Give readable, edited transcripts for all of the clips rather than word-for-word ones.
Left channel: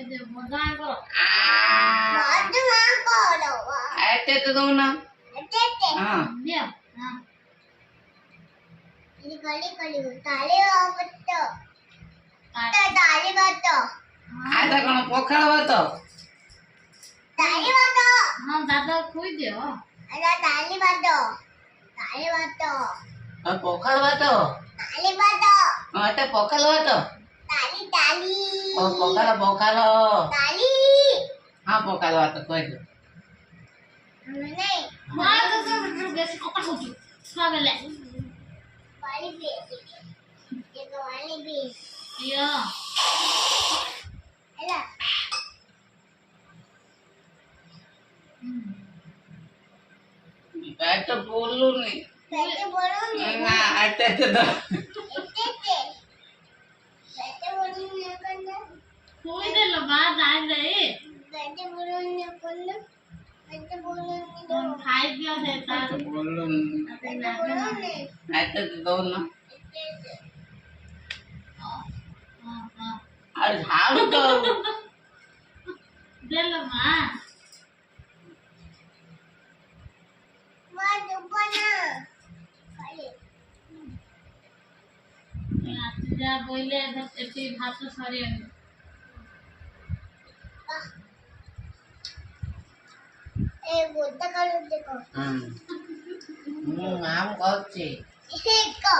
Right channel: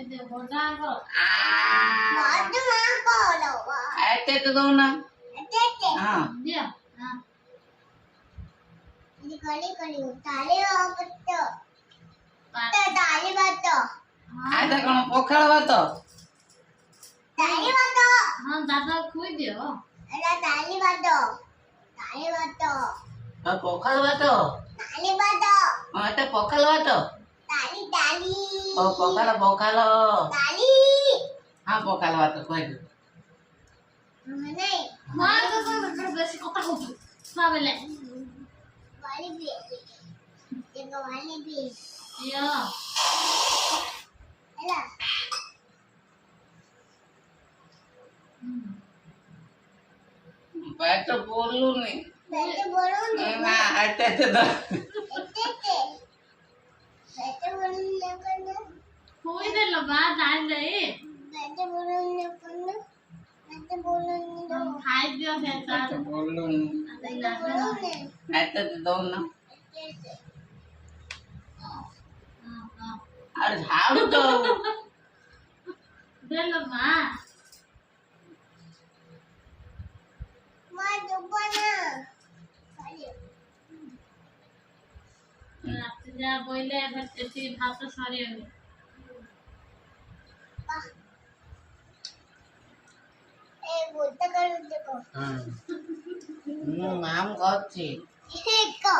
Bây giờ bỏ ra cơ. Bỏ cho má cô đâu à. Tết đâu nào? Tết. Nhiều. Ini kali tali betul. Tali betul. Ada kono pokhala vato. Tali betul. हाँ दादा खोई दियो. Ada tali betul. Tali betul. Pokhala vato. Tali betul. Ate pokhala vato. Tali. Pokhala. Tali. हाँ pokhala vato koi दो. Mana? मार तो फिर बेसी कोता हो जो. Sable. Wali bi. Jaga wali bi. Iya. Alah. मैं तो बोलूं नहीं. Baca bolong ni. हाँ आते दो. Tete. Baca bolong ni kan? खोई दे लो बात आ जाए. Baca bolong ni kan? Baca bolong ni हम dong. खाई दियो है तार. बोलूं. Baca bolong ni. आते दो ना. Tete. हाँ. अरे झाड़ू दो. दे लो माँ. Mak jumpa na. Kali. रात्री जा बोले इधर इतनी भात तो सारी है. Buta kalau deko. नाम कौची. Eko.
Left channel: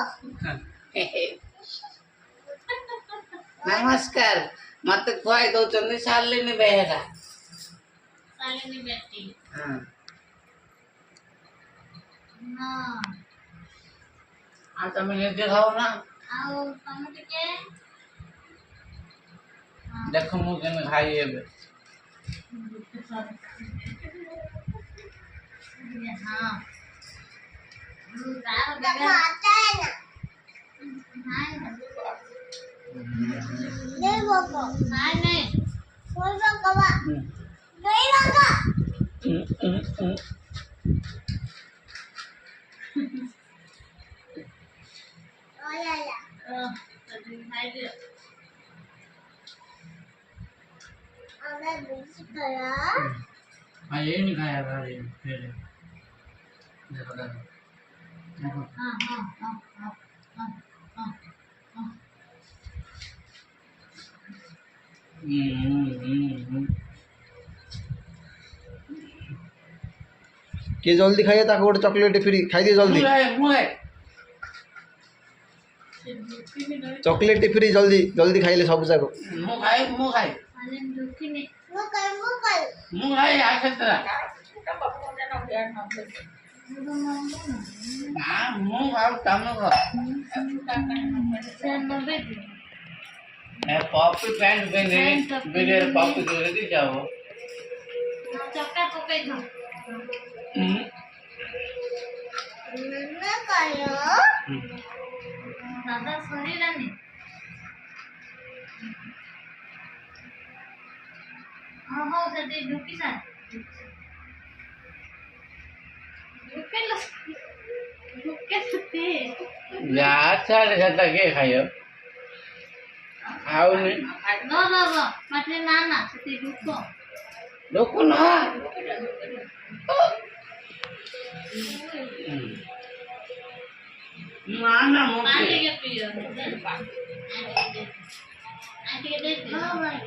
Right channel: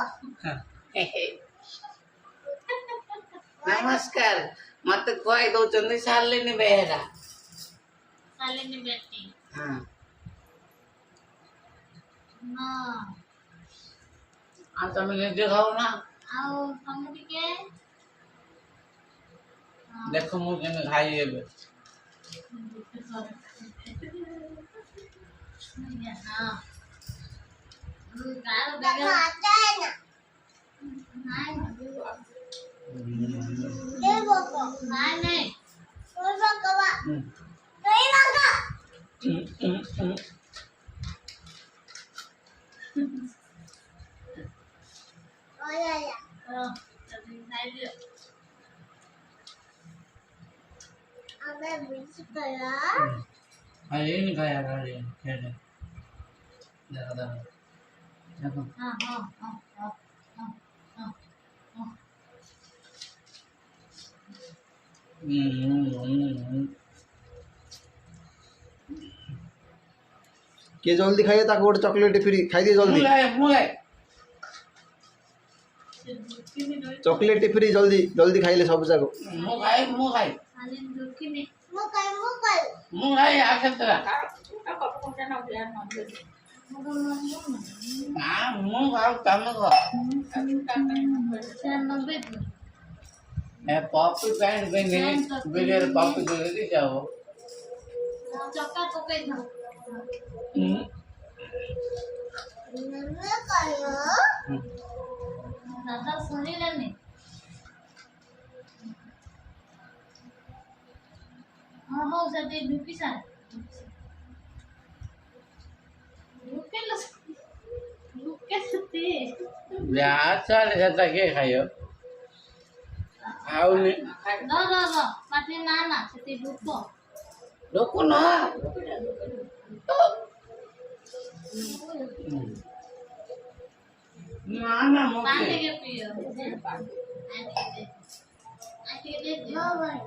नमस्कार मते खुआई दौचंदी शालिनी बेहरा. साली बेटी. हाँ ना. आ तमे निजे खाओ ना. आओ तमे टिके. देखो मु केने खाई एबे. हाँ. गाल Tak बगल. makan. नहीं. Dia boko. नहीं. Kau boko ba? Doi boko. Oh ya ya. तभी खाई दियो. Ada biji kala. हाँ ये नहीं खाया गाड़ी फिर देखो देखो हाँ. किए जल्दी खाइए ताको गोटे चॉकलेट फ्री खाई दिए जल्दी. चॉकलेट फ्री जल्दी खाइले सब जाको. मुखाई साले दुखी नहीं. Mukal. आके तेरा ना मुखाई कम को से नब्बे की. मैं पॉपी पैंट पहने बगैर पॉपी दे दी जाओ. चक्का पके दो. Mana kaya? दादा सही रहने. हाँ हो सकते दुखी सा. दुखे सकते. यार सारे जाता के खायो आओ ने No. Mati nana सकते दुखो. लोको ना ना पानी मुझे के पियो. आंटी के दे. Oh my.